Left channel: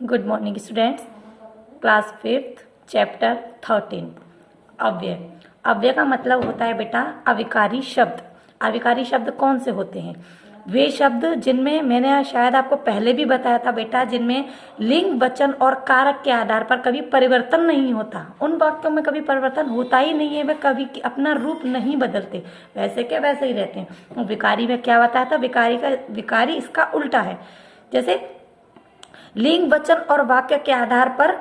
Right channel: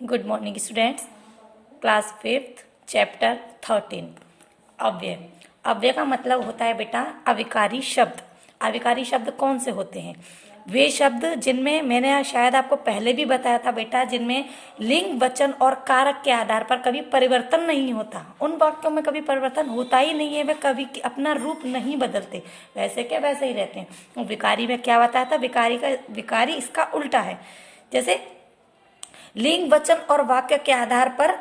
Good morning students. Class 5th chapter 13 अव्यय। अव्यय का मतलब होता है बेटा अविकारी शब्द। अविकारी शब्द कौन से होते हैं? वे शब्द जिनमें मैंने शायद आपको पहले भी बताया था बेटा, जिनमें लिंग वचन और कारक के आधार पर कभी परिवर्तन नहीं होता। उन वाक्यों में कभी परिवर्तन होता ही नहीं है, वे कभी अपना रूप नहीं बदलते, वैसे के वैसे ही रहते हैं। विकारी में क्या बताया था? विकारी इसका उल्टा है। जैसे लिंग वचन और वाक्य के आधार पर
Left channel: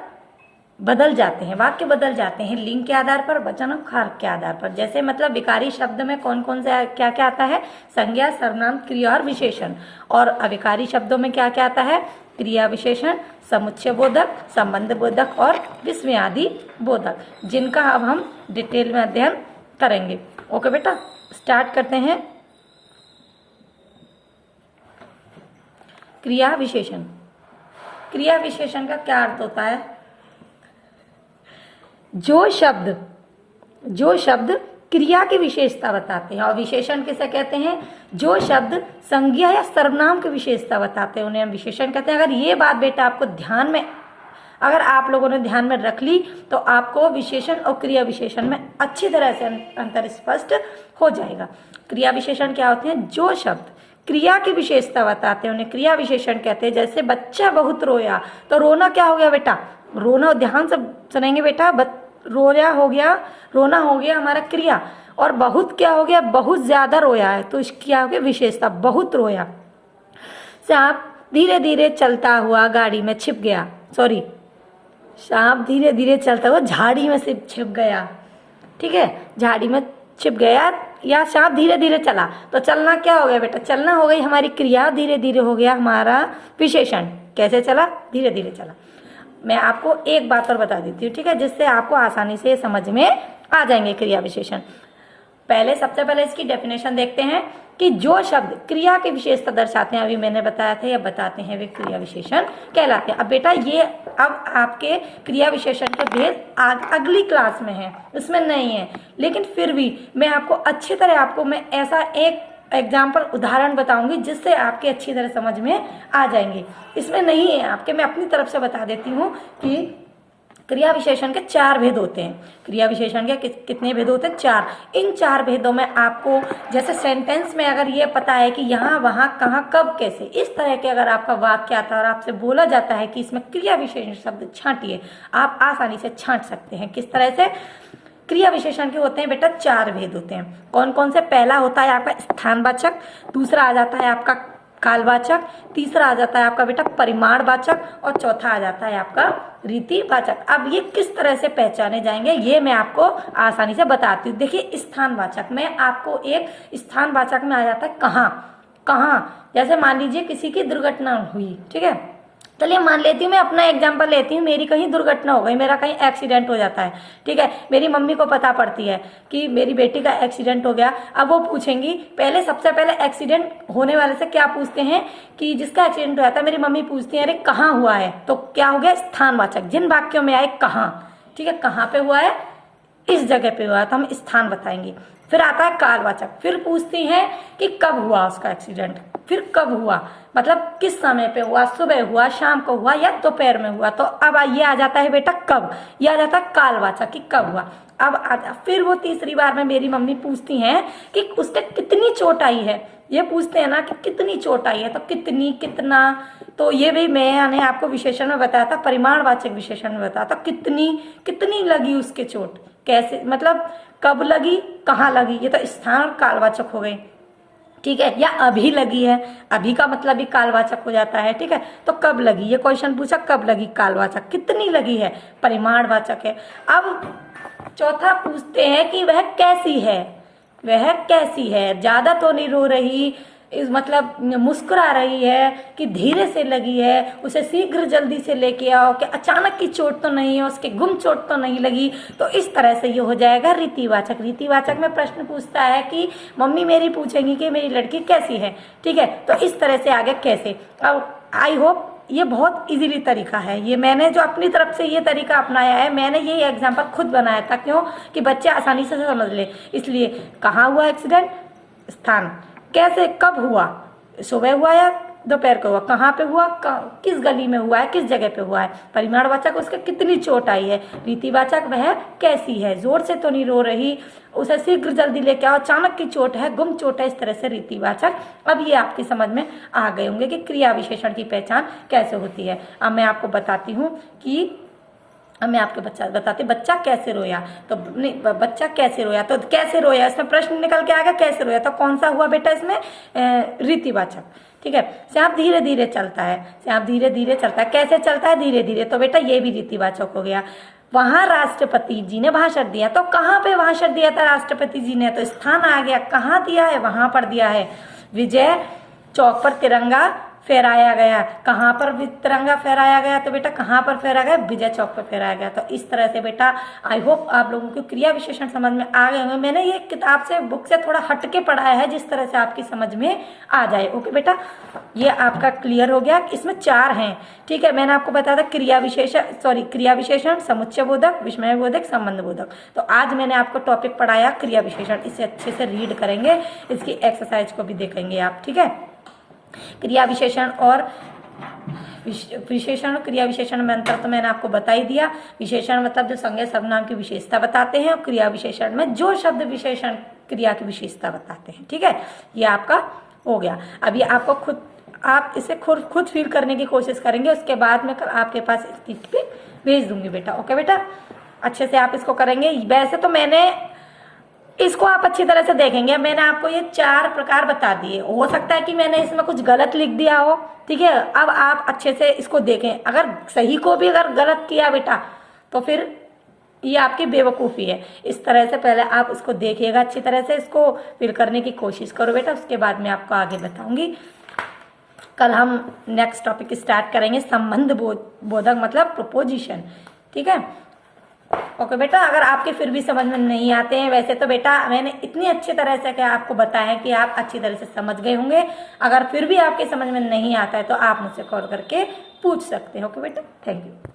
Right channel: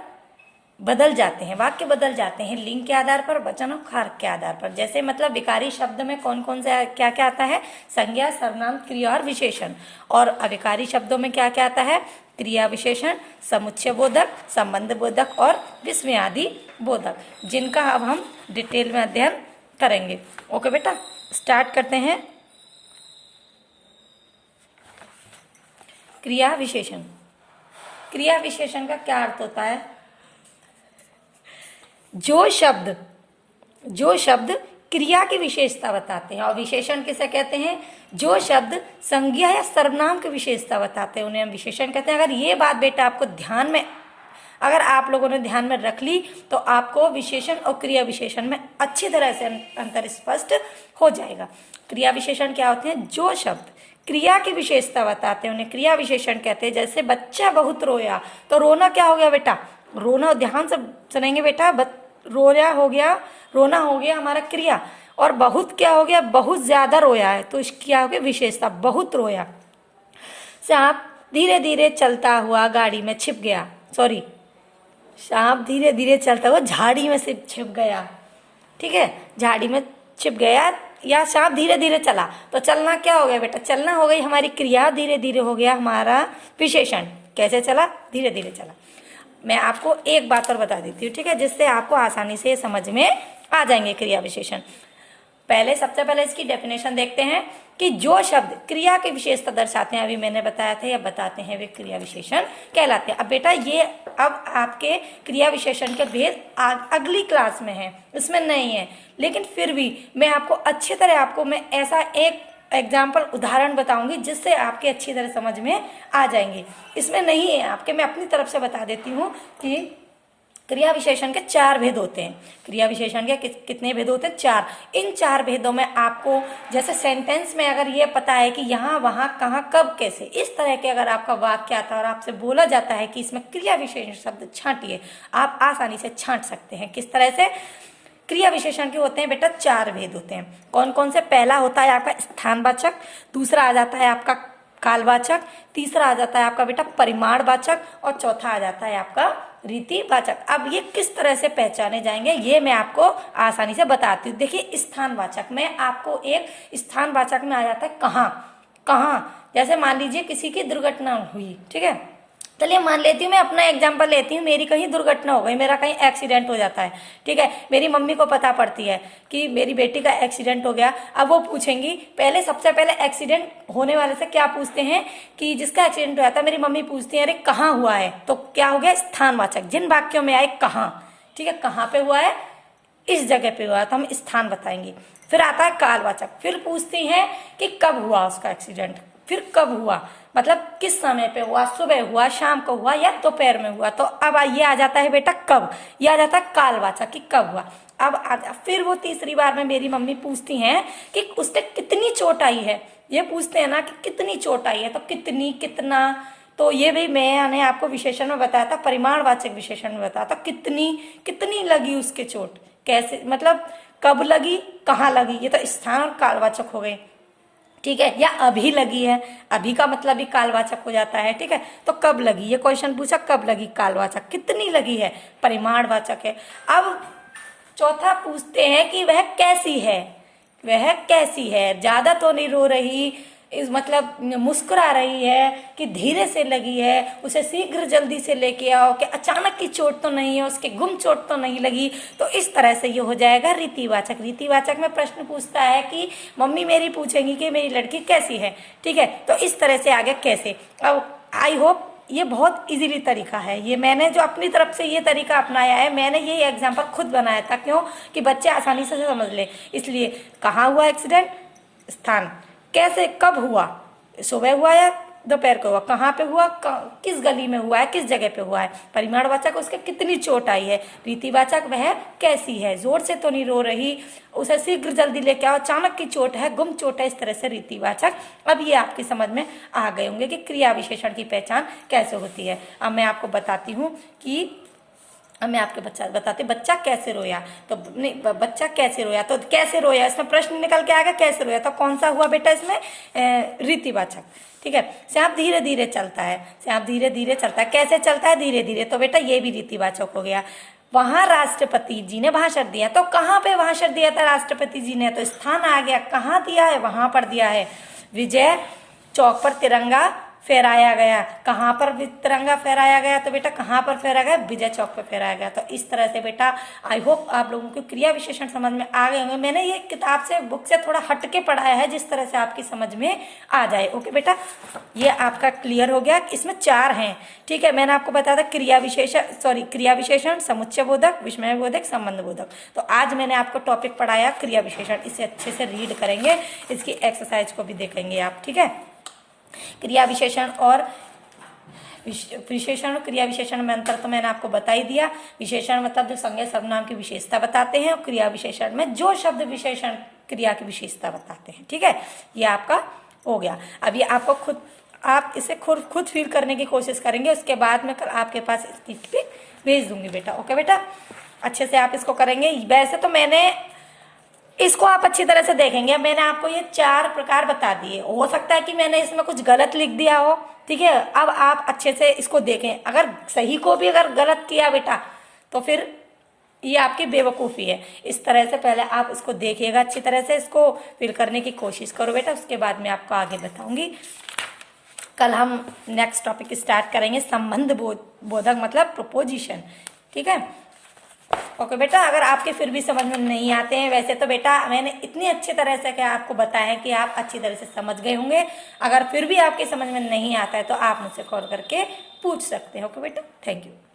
बदल जाते हैं, वाक्य बदल जाते हैं लिंग के आधार पर, वचन और कारक के आधार पर। जैसे मतलब विकारी शब्द में कौन कौन से क्या क्या आता है? संज्ञा, सर्वनाम, क्रिया और विशेषण। और अविकारी शब्दों में क्या क्या आता है? क्रिया विशेषण, समुच्चय बोधक, संबंध बोधक और विस्मयादि बोधक, जिनका अब हम डिटेल में अध्ययन करेंगे। ओके बेटा, स्टार्ट करते हैं। क्रिया विशेषण। क्रिया विशेषण का क्या अर्थ होता है? जो शब्द क्रिया की विशेषता बताते हैं। और विशेषण किसे कहते हैं? जो शब्द संज्ञा या सर्वनाम की विशेषता बताते हैं उन्हें हम विशेषण कहते हैं। अगर ये बात बेटा आपको अगर आप लोगों ने ध्यान में रख ली तो आपको विशेषण और क्रिया विशेषण में अच्छी तरह से अंतर स्पष्ट हो जाएगा। क्रिया विशेषण क्या होते हैं? जो शब्द क्रिया की विशेषता बताते हैं उन्हें क्रिया विशेषण कहते हैं। जैसे बच्चा बहुत रोया, तो रोना क्या हो गया बेटा? रोना, ध्यान से सुनेंगे बेटा, रोना हो गया हमारा क्रिया। और बहुत क्या हो गया? बहुत ज्यादा रोया है, तो इसकी क्या हो गया? विशेषता, बहुत रोया। सांप धीरे धीरे चलता हुआ गाड़ी में छिप गया, सांप धीरे धीरे चलता हुआ झाड़ी में से छिप गया। ठीक है, झाड़ी में छिप गया या सांप धीरे धीरे चला, तो चलना क्या हो गया बेटा? चलना हो गई हमारी क्रिया, धीरे धीरे हो गया हमारा विशेषण। कैसे चला? धीरे धीरे चला। मैं आपको एक बात और बता देती हूँ, ठीक है, जिससे आपको आसानी से समझ में आ जाएंगे क्रिया विशेषण। सबसे पहले इसकी डेफिनेशन देखते हैं कि जो शब्द क्रिया की विशेषता दर्शाते हैं, अभी मैंने बताया था, या बताते हैं, वे क्रिया विशेषण कहलाते हैं। अब बेटा ये अब आपके क्रिया विशेषण के भेद अगली क्लास में है, इसमें नहीं है, लेकिन फिर भी मैं आपको अच्छी तरह मैं ऐसा एक एग्जाम्पल उदाहरण बताऊंगी जिससे आपके अच्छी तरह समझ में आ जाएंगे। इसमें नहीं है आपके, मैं अपनी तरफ से बता देती हूँ कि क्रिया विशेषण के 4 भेद होते हैं। क्रिया विशेषण के कितने भेद होते हैं? 4। इन 4 भेदों में आपको जैसे सेंटेंस में अगर ये पता है कि यहाँ, वहां, कहाँ, कब, कैसे, इस तरह के अगर आपका वाक्य आता है और आपसे बोला जाता है कि इसमें क्रिया विशेषण शब्द छांटिए, आप आसानी से छांट सकते हैं। किस तरह से? क्रिया विशेषण के होते हैं बेटा 4 भेद होते हैं। कौन कौन से? पहला होता है आपका स्थानवाचक, दूसरा आ जाता है आपका कालवाचक, तीसरा आ जाता है आपका बेटा परिमाणवाचक, और चौथा आ जाता है आपका रीतिवाचक। अब ये किस तरह से पहचाने जाएंगे ये मैं आपको आसानी से बताती हूँ। देखिए, स्थानवाचक में आपको एक स्थानवाचक में आ जाता है कहाँ। जैसे मान लीजिए किसी की दुर्घटना हुई, ठीक है, चलिए मान लेती हूँ, मैं अपना एग्जांपल लेती हूँ, मेरी कहीं दुर्घटना हो गई, मेरा कहीं एक्सीडेंट हो जाता है, ठीक है, मेरी मम्मी को पता पड़ती है कि मेरी बेटी का एक्सीडेंट हो गया। अब वो पूछेंगी, सबसे पहले एक्सीडेंट होने वाले से क्या पूछते हैं कि जिसका एक्सीडेंट हुआ था, मेरी मम्मी पूछती है अरे कहाँ हुआ है, तो क्या हो गया? स्थानवाचक। जिन वाक्यों में आए कहाँ, ठीक है, कहाँ पे हुआ है, इस जगह पे हुआ, तो हम स्थान बताएंगे। फिर आता है कालवाचक, फिर पूछती हैं कि कब हुआ उसका एक्सीडेंट, फिर कब हुआ, मतलब किस समय पे हुआ, सुबह हुआ, शाम को हुआ या दोपहर में हुआ। तो अब ये आ जाता है बेटा कब, ये आ जाता है कालवाचक कि कब हुआ। अब फिर वो तीसरी बार में मेरी मम्मी पूछती हैं कि उससे कितनी चोट आई है, ये पूछते हैं ना कि कितनी चोट आई है, तो कितनी, कितना, तो ये भी मैंने आपको विशेषण में बताया था, परिमाणवाचक विशेषण में बताया था, कितनी लगी उसके चोट, कैसे, मतलब कब लगी, कहाँ लगी, ये तो स्थान और कालवाचक हो गए, ठीक है। या अभी लगी है, अभी का मतलब भी कालवाचक हो जाता है, ठीक है। तो कब लगी, ये क्वेश्चन पूछा, कब लगी, कालवाचक। कितनी लगी है, परिमाणवाचक है। अब चौथा पूछते हैं कि वह कैसी है, ज्यादा तो नहीं रो रही, मतलब मुस्कुरा रही है, कि धीरे से लगी है, उसे शीघ्र जल्दी से लेके आओ, कि अचानक की चोट तो नहीं है, उसके गुम चोट तो नहीं लगी। तो इस तरह से ये हो जाएगा रीतिवाचक। रीतिवाचक में प्रश्न पूछता है कि मम्मी मेरी पूछेंगी कि मेरी लड़की कैसी है, ठीक है, तो इस तरह से आगे कैसे। अब आई होप ये बहुत इजीली तरीका है, ये मैंने जो अपनी तरफ से ये तरीका अपनाया है, मैंने ये एग्जाम्पल खुद बनाया था, क्यों कि बच्चे आसानी से समझ ले। इसलिए कहाँ हुआ एक्सीडेंट, स्थान, कैसे, कब हुआ, सुबह हुआ या दोपहर को हुआ, कहाँ पे हुआ, किस गली में हुआ है, किस जगह पे हुआ है। परिमाणवाचक उसके कितनी चोट आई है। रीतिवाचक वह कैसी है, जोर से तो नहीं रो रही, उसे शीघ्र जल्दी लेके आओ, अचानक की चोट है, गुम चोट है, इस तरह से रीतिवाचक। अब ये आपकी समझ में आ गए होंगे कि क्रिया विशेषण की पहचान कैसे होती है। अब मैं आपको बताती हूँ कि बच्चा कैसे रोया। तो नहीं, बच्चा कैसे रोया, तो कैसे रोया, इसमें प्रश्न निकल के आएगा कैसे रोया, तो कौन सा हुआ बेटा इसमें, रीतिवाचक। ठीक है। श्याम धीरे धीरे चलता है, श्याम धीरे धीरे चलता है, कैसे चलता है, धीरे धीरे, तो बेटा ये भी रीतिवाचक हो गया। वहां राष्ट्रपति जी ने भाषण दिया, तो कहाँ पे भाषण दिया था राष्ट्रपति जी ने, तो स्थान आ गया, कहाँ दिया है, वहां पर दिया है। विजय चौक पर तिरंगा फहराया गया, कहाँ पर तिरंगा फहराया गया, तो बेटा कहाँ पर फहराया गया, विजय चौक पर फहराया गया। तो इस तरह से बेटा आई होप आप लोगों को क्रिया विशेषण समझ में आ गए होंगे। मैंने ये किताब से, बुक से थोड़ा हटके पढ़ाया है जिस तरह से आपकी समझ में आ जाए। ओके बेटा, ये आपका क्लियर हो गया। इसमें 4 हैं। ठीक है, मैंने आपको बताया था क्रिया विशेषण, समुच्चय बोधक, विस्मय बोधक, संबंध बोधक। तो आज मैंने आपको टॉपिक पढ़ाया क्रिया विशेषण, इसे अच्छे से रीड करेंगे, इसकी एक्सरसाइज को भी देखेंगे आप। ठीक है, क्रिया विशेषण और क्रिया विशेषण में अंतर तो मैंने आपको बता ही दिया। विशेषण मतलब जो संज्ञा सर्वनाम की विशेषता बताते हैं, और क्रिया विशेषण में जो शब्द विशेषण क्रिया की विशेषता बताते हैं। ठीक है, ये आपका हो गया। अब ये आपको खुद, आप इसे खुद फील करने की कोशिश करेंगे, उसके बाद में आपके पास भेज दूंगी बेटा। ओके बेटा, अच्छे से आप इसको करेंगे। वैसे तो मैंने इसको आप अच्छी तरह से देखेंगे, मैंने आपको ये 4 प्रकार बता दिए। हो सकता है कि मैंने इसमें कुछ गलत लिख दिया हो। ठीक है, अब आप अच्छे से इसको देखें, अगर सही को भी अगर गलत किया बेटा तो फिर ये आपकी बेवकूफ़ी है। इस तरह से पहले आप इसको देखिएगा, अच्छी तरह से इसको फिल करने की कोशिश करो बेटा, उसके बाद मैं आपको आगे बताऊंगी। कल हम नेक्स्ट टॉपिक स्टार्ट करेंगे, संबंध बोधक मतलब प्रपोजिशन। ठीक है, ओके बेटा, अगर आपके फिर भी समझ में नहीं आते हैं, वैसे तो बेटा मैंने इतनी अच्छी तरह से क्या आपको बताया कि आप अच्छी तरह से समझ गए होंगे। अगर फिर भी आपके समझ में नहीं आता है तो आप मुझसे कॉल करके पूछ सकते हैं। ओके बेटा, थैंक यू।